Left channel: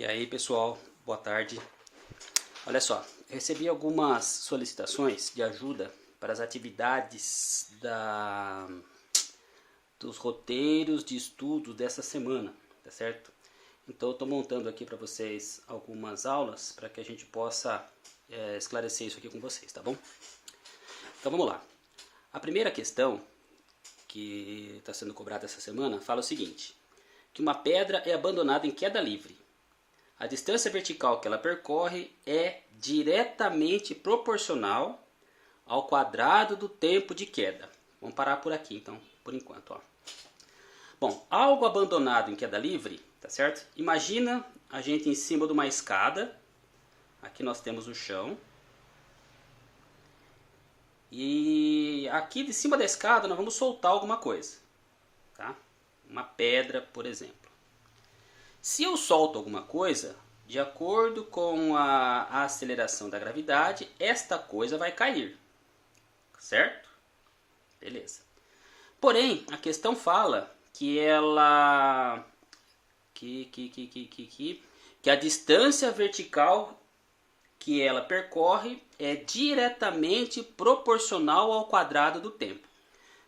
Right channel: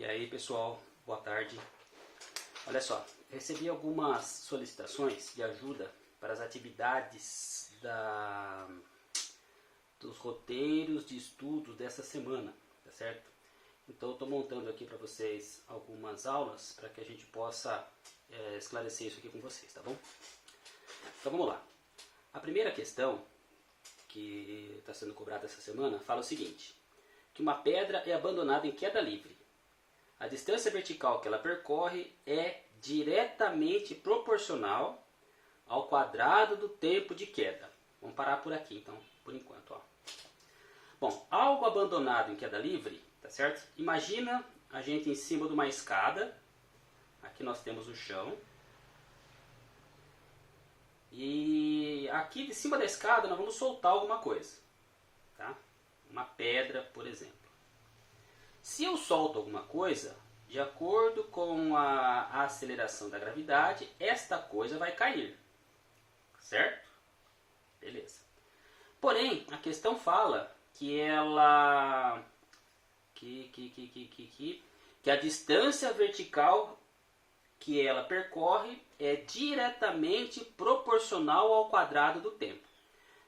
E aí pessoal, boa tarde. Olha só, recebi algumas solicitações de ajuda para as atividades dos roteiros de estudo dessa semana, tá certo? Então eu estou montando aqui para vocês algumas aulas para que a gente possa esclarecer isso aqui com vocês, tá bom? Então vamos lá. A primeira questão que está sendo cobrada essa semana fala o seguinte: que uma pedra é abandonada em queda livre. A distância vertical que ela percorre é diretamente proporcional ao quadrado do tempo de queda. Vamos parar por aqui então, por enquanto. Ó. Bom, algo abandonado em queda livre, tá certo? Imagina a gente em cima de uma escada. Aqui nós temos o chão. E aqui de cima da escada nós vamos soltar alguma coisa. Tá? Uma pedra, por exemplo. Se eu solto alguma coisa, de acordo com a aceleração da gravidade, esta coisa vai cair. Certo? Beleza. Porém, a questão fala que a distância vertical que ela percorre é diretamente proporcional ao quadrado do tempo.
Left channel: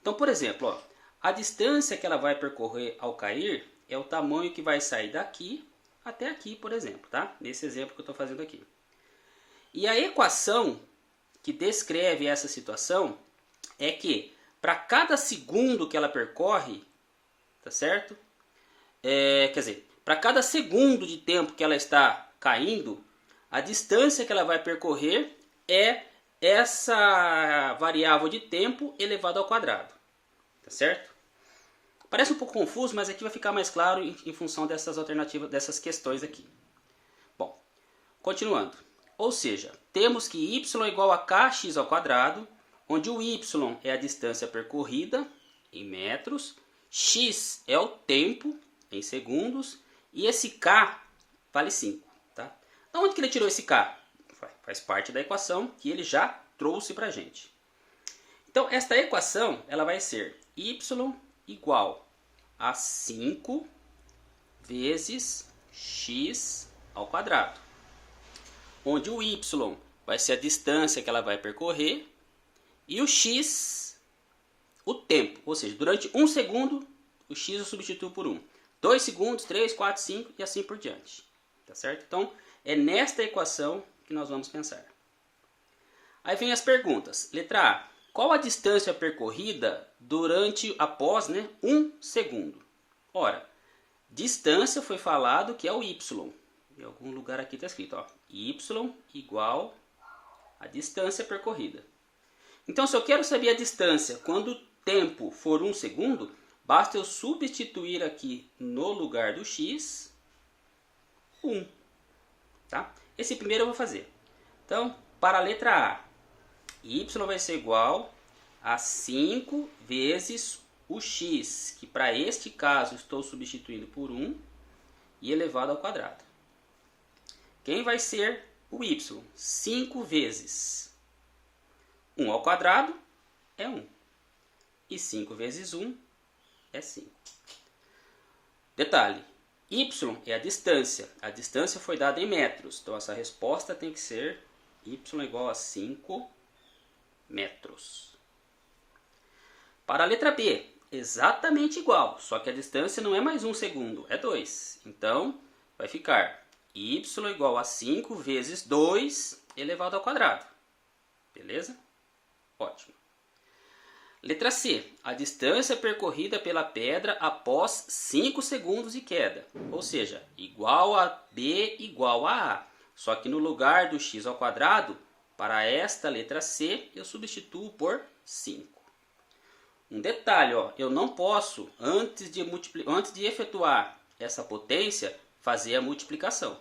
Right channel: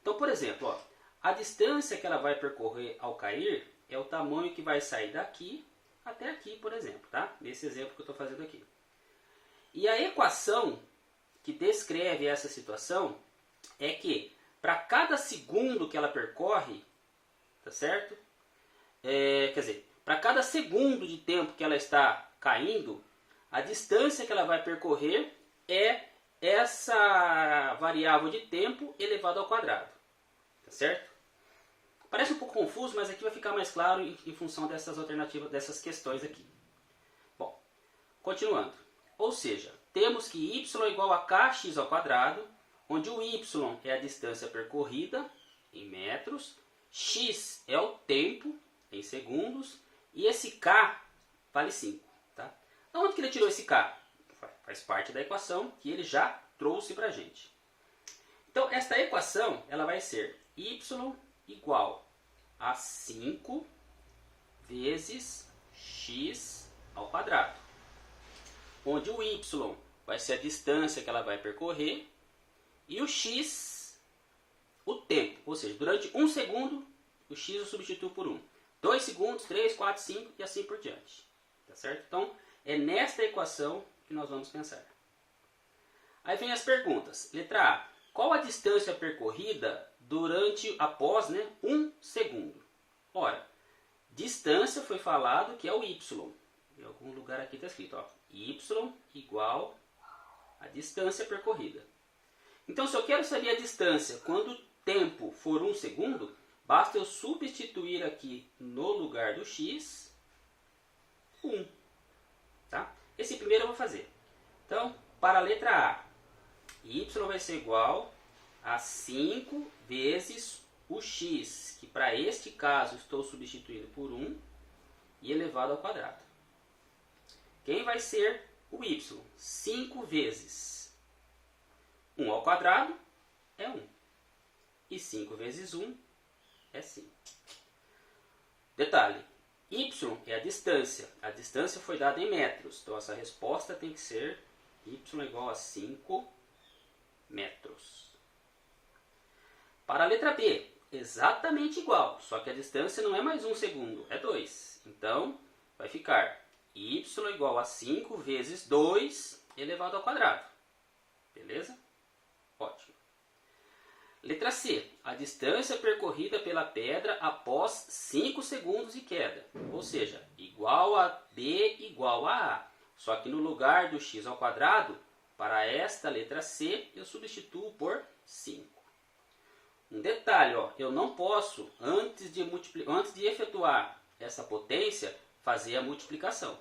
Então, por exemplo, ó, a distância que ela vai percorrer ao cair é o tamanho que vai sair daqui até aqui, por exemplo, tá? Nesse exemplo que eu estou fazendo aqui. E a equação que descreve essa situação é que para cada segundo que ela percorre, tá certo? Quer dizer, para cada segundo de tempo que ela está caindo, a distância que ela vai percorrer é essa variável de tempo elevado ao quadrado, tá certo? Parece um pouco confuso, mas aqui vai ficar mais claro em função dessas alternativas, dessas questões aqui. Bom, continuando. Ou seja, temos que y é igual a kx ao quadrado, onde o y é a distância percorrida em metros, x é o tempo em segundos e esse k vale 5. Tá? Da onde que ele tirou esse k? Faz parte da equação que ele já trouxe para a gente. Então, esta equação ela vai ser y igual a 5 vezes x ao quadrado, onde o y vai ser a distância que ela vai percorrer e o x, o tempo, ou seja, durante 1 segundo o x eu substituo por 1, 2 segundos, 3, 4, 5 e assim por diante, tá certo? Então é nesta equação que nós vamos pensar. Aí vem as perguntas. Letra A. Qual a distância percorrida após 1 segundo? Ora, distância foi falado que é o y. Em algum lugar aqui está escrito, ó, y igual a distância percorrida. Então, se eu quero saber a distância quando o tempo for 1 segundo, basta eu substituir aqui no lugar do x 1. Tá? Esse primeiro eu vou fazer. Então, para a letra A, y vai ser igual a 5 vezes o x, que para este caso estou substituindo por 1, e elevado ao quadrado. Quem vai ser o y? 5 vezes 1 ao quadrado é 1. E 5 vezes 1 é 5. Detalhe, y é a distância. A distância foi dada em metros. Então essa resposta tem que ser y igual a 5 metros. Para a letra B, exatamente igual, só que a distância não é mais 1 segundo, é 2. Então vai ficar y igual a 5 vezes 2 elevado ao quadrado. Beleza? Ótimo. Letra C, a distância percorrida pela pedra após 5 segundos de queda, ou seja, igual a B igual a A. Só que no lugar do x ao quadrado, para esta letra C, eu substituo por 5. Um detalhe, ó, eu não posso, antes de efetuar essa potência, fazer a multiplicação.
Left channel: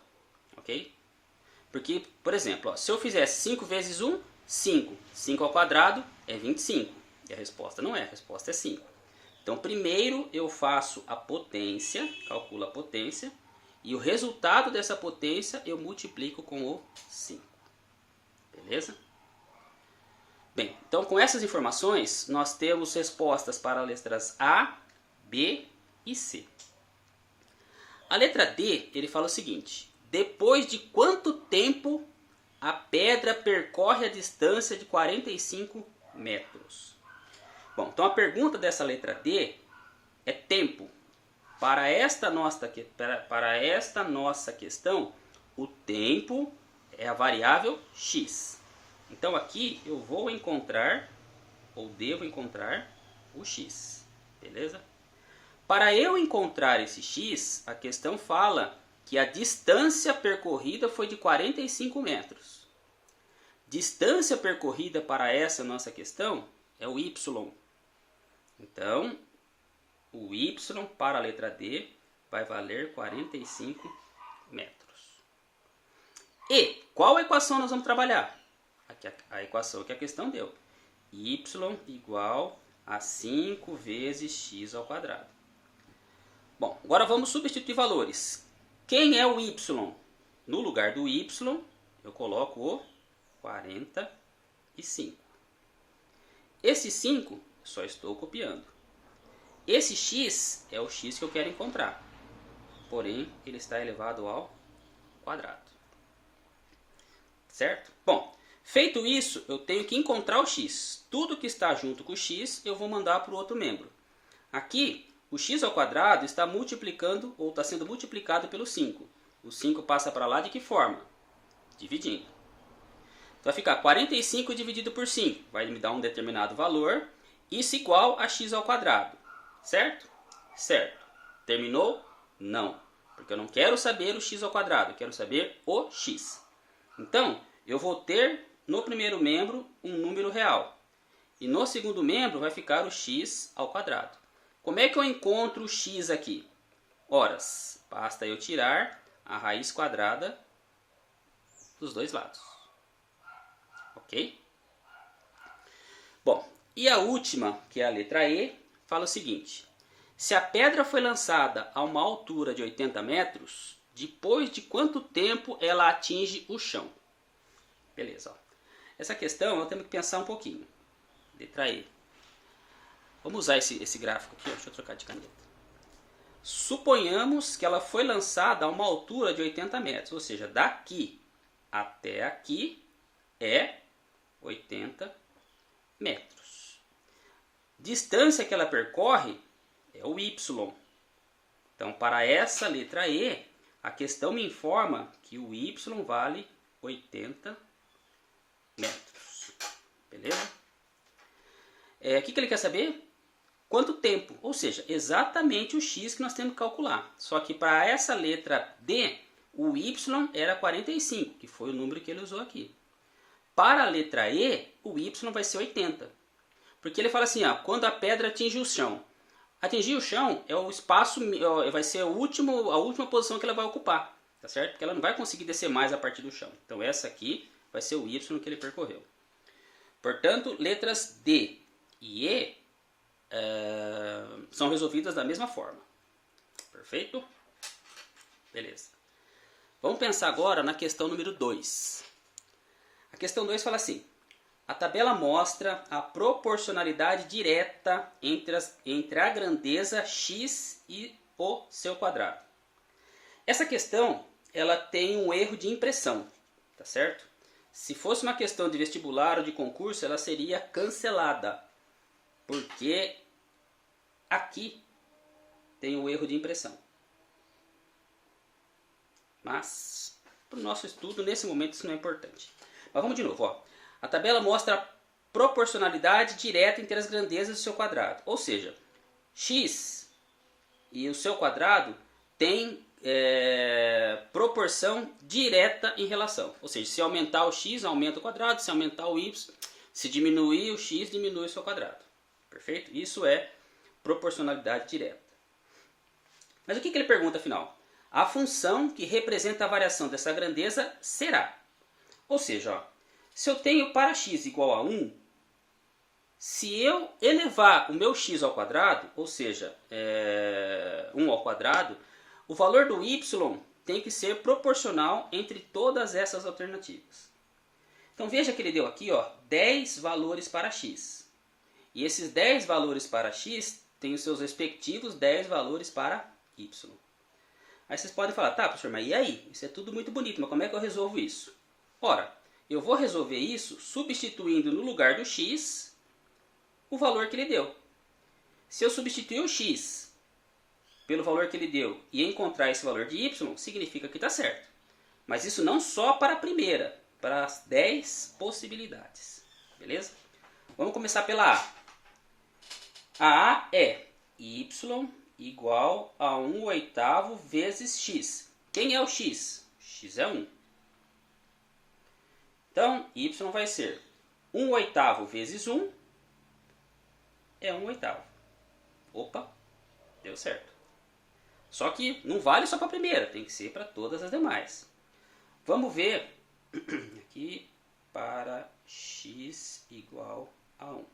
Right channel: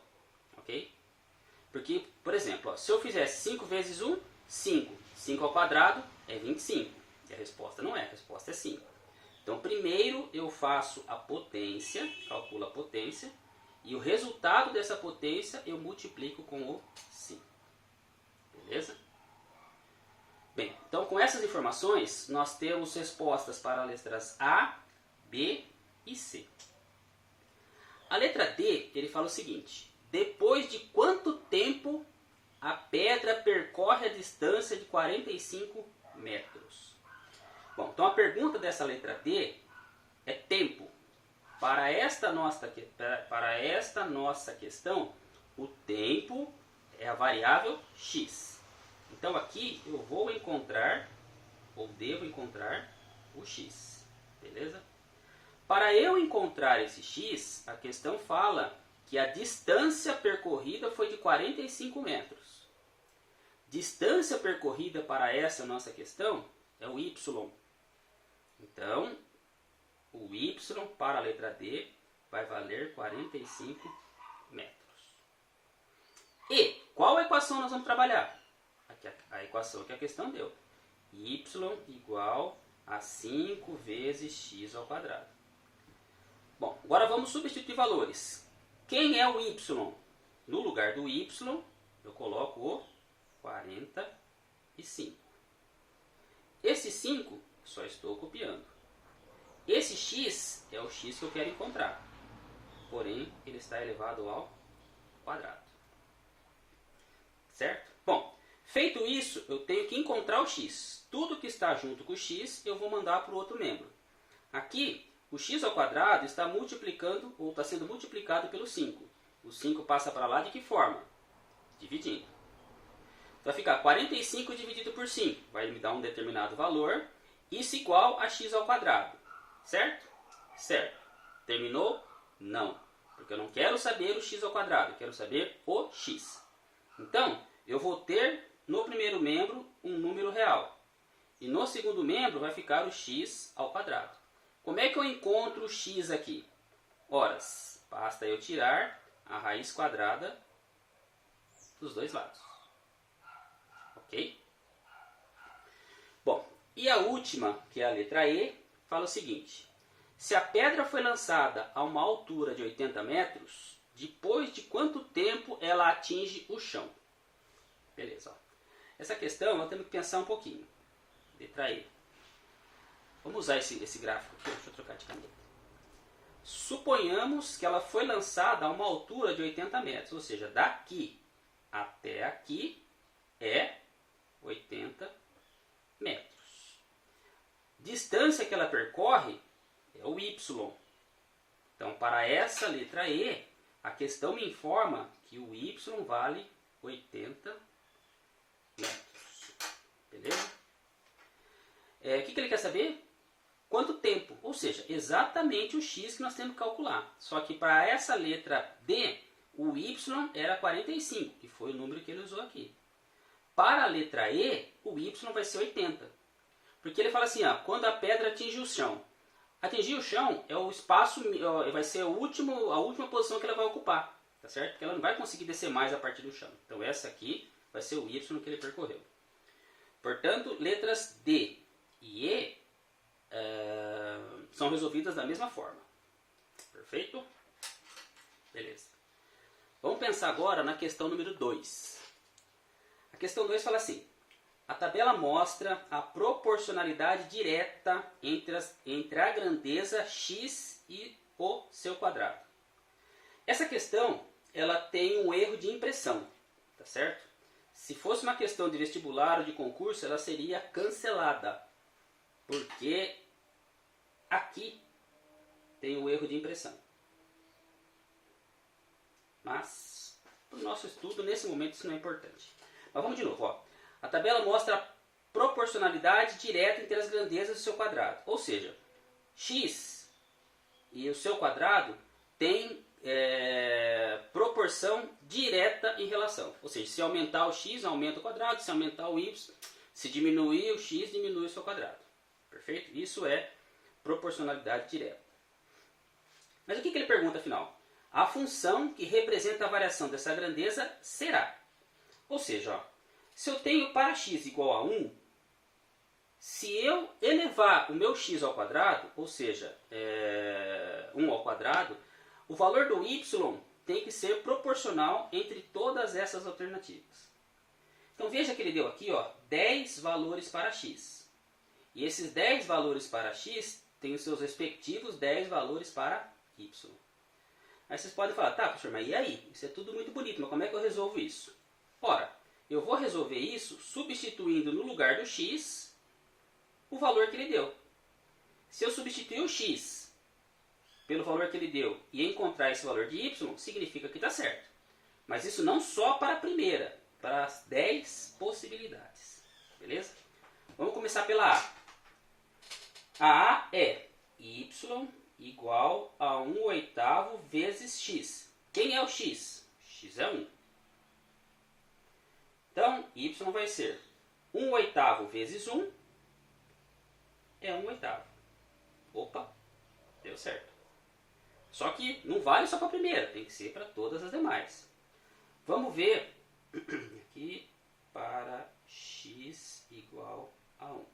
Ok? Porque, por exemplo, ó, se eu fizesse 5 vezes 1, 5. 5 ao quadrado é 25. E a resposta não é, a resposta é 5. Então, primeiro eu faço a potência, calculo a potência, e o resultado dessa potência eu multiplico com o 5. Beleza? Bem, então com essas informações nós temos respostas para as letras A, B e C. A letra D, ele fala o seguinte: depois de quanto tempo a pedra percorre a distância de 45 metros. Bom, então a pergunta dessa letra D é tempo. Para esta nossa questão, o tempo é a variável x. Então aqui eu vou encontrar, ou devo encontrar, o x. Beleza? Para eu encontrar esse x, a questão fala que a distância percorrida foi de 45 metros. Distância percorrida para essa nossa questão é o y. Então, o y para a letra D vai valer 45 metros. E qual equação nós vamos trabalhar? Aqui a equação que a questão deu. Y igual a 5 vezes x ao quadrado. Bom, agora vamos substituir valores. Quem é o y? No lugar do y, eu coloco o 45. Esse 5, só estou copiando. Esse x é o x que eu quero encontrar. Porém, ele está elevado ao quadrado. Certo? Bom, feito isso, eu tenho que encontrar o x. Tudo que está junto com o x, eu vou mandar para o outro membro. Aqui, o x ao quadrado está multiplicando, ou está sendo multiplicado pelo 5. O 5 passa para lá de que forma? Dividindo. Então vai ficar 45 dividido por 5. Vai me dar um determinado valor. Isso igual a x ao quadrado. Certo? Certo. Terminou? Não. Porque eu não quero saber o x ao quadrado. Eu quero saber o x. Então, eu vou ter no primeiro membro um número real. E no segundo membro vai ficar o x ao quadrado. Como é que eu encontro o x aqui? Ora, basta eu tirar a raiz quadrada dos dois lados. Ok? Bom, e a última, que é a letra E, fala o seguinte. Se a pedra foi lançada a uma altura de 80 metros, depois de quanto tempo ela atinge o chão? Beleza. Ó. Essa questão nós temos que pensar um pouquinho. Letra E. Vamos usar esse gráfico aqui. Deixa eu trocar de caneta. Suponhamos que ela foi lançada a uma altura de 80 metros. Ou seja, daqui até aqui é 80 metros. Distância que ela percorre é o y. Então, para essa letra E, a questão me informa que o y vale 80 metros. Beleza? O que ele quer saber? Quanto tempo? Ou seja, exatamente o x que nós temos que calcular. Só que para essa letra D, o y era 45, que foi o número que ele usou aqui. Para a letra E, o y vai ser 80. Porque ele fala assim, ó, quando a pedra atinge o chão. Atingir o chão é o espaço, vai ser a última posição que ela vai ocupar. Tá certo? Porque ela não vai conseguir descer mais a partir do chão. Então essa aqui vai ser o y que ele percorreu. Portanto, letras D e E são resolvidas da mesma forma. Perfeito? Beleza. Vamos pensar agora na questão número 2. A questão 2 fala assim. A tabela mostra a proporcionalidade direta entre a grandeza x e o seu quadrado. Essa questão ela tem um erro de impressão. Tá certo? Se fosse uma questão de vestibular ou de concurso, ela seria cancelada. Porque aqui tem o erro de impressão. Mas, para o nosso estudo, nesse momento, isso não é importante. Mas vamos de novo. Ó. A tabela mostra a proporcionalidade direta entre as grandezas do seu quadrado. Ou seja, x e o seu quadrado têm proporção direta em relação. Ou seja, se aumentar o x, aumenta o quadrado. Se aumentar o y, se diminuir o x, diminui o seu quadrado. Perfeito? Isso é proporcionalidade direta. Mas o que ele pergunta afinal? A função que representa a variação dessa grandeza será. Ou seja, ó, se eu tenho para x igual a 1, se eu elevar o meu x ao quadrado, ou seja, 1 ao quadrado, o valor do y tem que ser proporcional entre todas essas alternativas. Então veja que ele deu aqui ó, 10 valores para x. E esses 10 valores para x têm os seus respectivos 10 valores para y. Aí vocês podem falar, tá, professor, mas e aí? Isso é tudo muito bonito, mas como é que eu resolvo isso? Ora, eu vou resolver isso substituindo no lugar do x o valor que ele deu. Se eu substituir o x pelo valor que ele deu e encontrar esse valor de y, significa que está certo. Mas isso não só para a primeira, para as 10 possibilidades. Beleza? Vamos começar pela A. A A é y igual a 1/8 vezes x. Quem é o x? X é 1. Então, y vai ser 1/8 vezes 1 é 1/8. Opa, deu certo. Só que não vale só para a primeira, tem que ser para todas as demais. Vamos ver aqui para x igual a 1.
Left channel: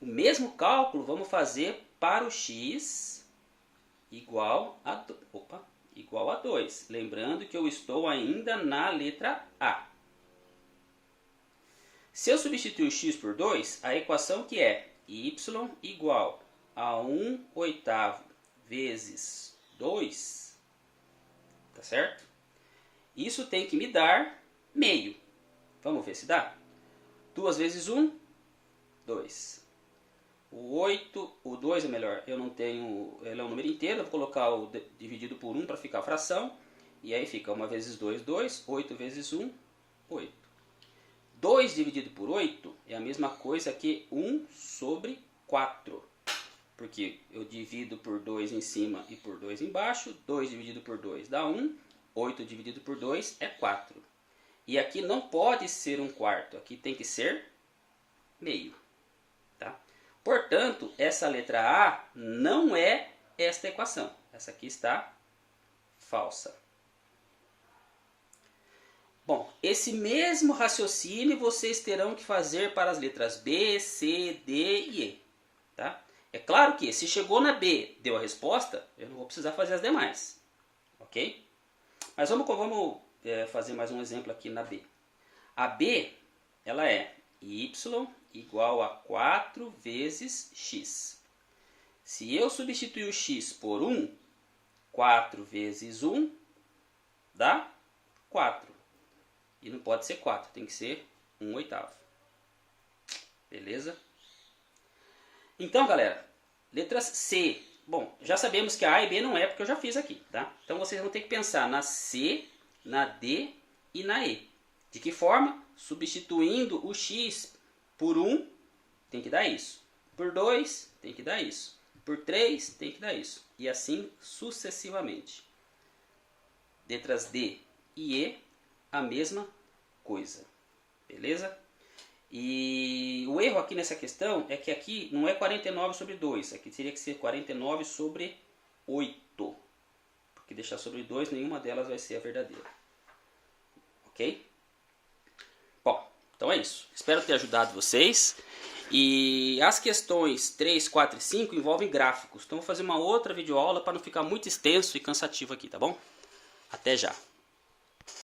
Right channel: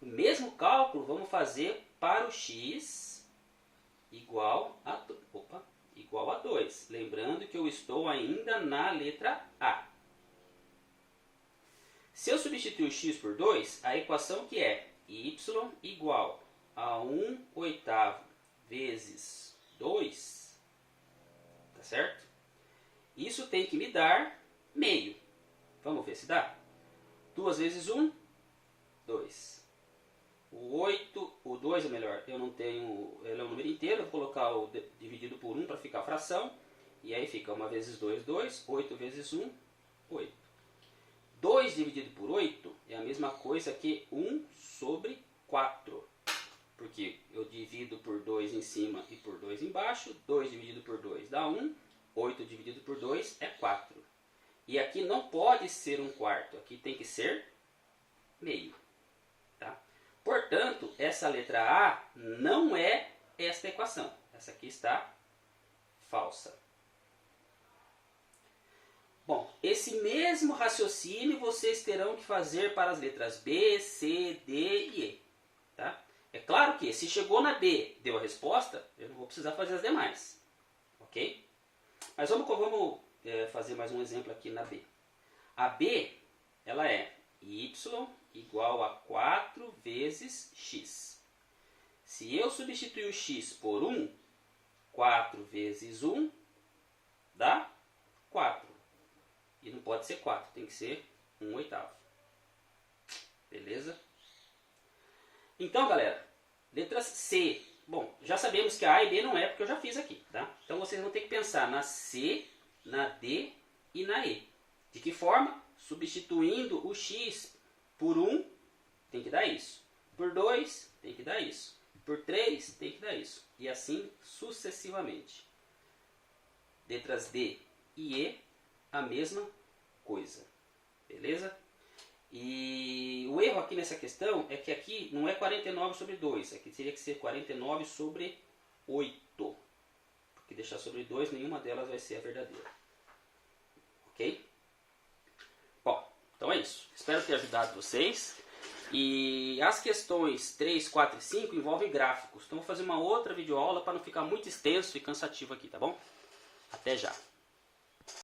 O mesmo cálculo vamos fazer para o x igual a 2. Lembrando que eu estou ainda na letra A. Se eu substituir o x por 2, a equação que é y igual a 1/8 vezes 2, tá certo? Isso tem que me dar meio. Vamos ver se dá? 2 vezes 1, 2. O 2 é melhor, eu não tenho, ele é um número inteiro, eu vou colocar o dividido por 1 para ficar fração. E aí fica 1 vezes 2, 2, 8 vezes 1, 8. 2 dividido por 8 é a mesma coisa que 1 sobre 4. Porque eu divido por 2 em cima e por 2 embaixo. 2 dividido por 2 dá 1. 8 dividido por 2 é 4. E aqui não pode ser 1/4. Aqui tem que ser meio. Tá? Portanto, essa letra A não é esta equação. Essa aqui está falsa. Bom, esse mesmo raciocínio vocês terão que fazer para as letras B, C, D e E. Tá? É claro que se chegou na B, deu a resposta, eu não vou precisar fazer as demais. Ok? Mas vamos fazer mais um exemplo aqui na B. A B, ela é y igual a 4 vezes x. Se eu substituir o x por 1, 4 vezes 1 dá 4. E não pode ser 4, tem que ser 1/8. Beleza? Então, galera, letras C. Bom, já sabemos que a e B não é porque eu já fiz aqui, tá? Então vocês vão ter que pensar na C, na D e na E. De que forma? Substituindo o x por 1, tem que dar isso. Por 2, tem que dar isso. Por 3, tem que dar isso. E assim sucessivamente. Letras D e E, a mesma coisa. Beleza? E o erro aqui nessa questão é que aqui não é 49 sobre 2. Aqui teria que ser 49 sobre 8. Porque deixar sobre 2, nenhuma delas vai ser a verdadeira. Ok? Bom, então é isso. Espero ter ajudado vocês. E as questões 3, 4 e 5 envolvem gráficos. Então vou fazer uma outra videoaula para não ficar muito extenso e cansativo aqui, tá bom? Até já!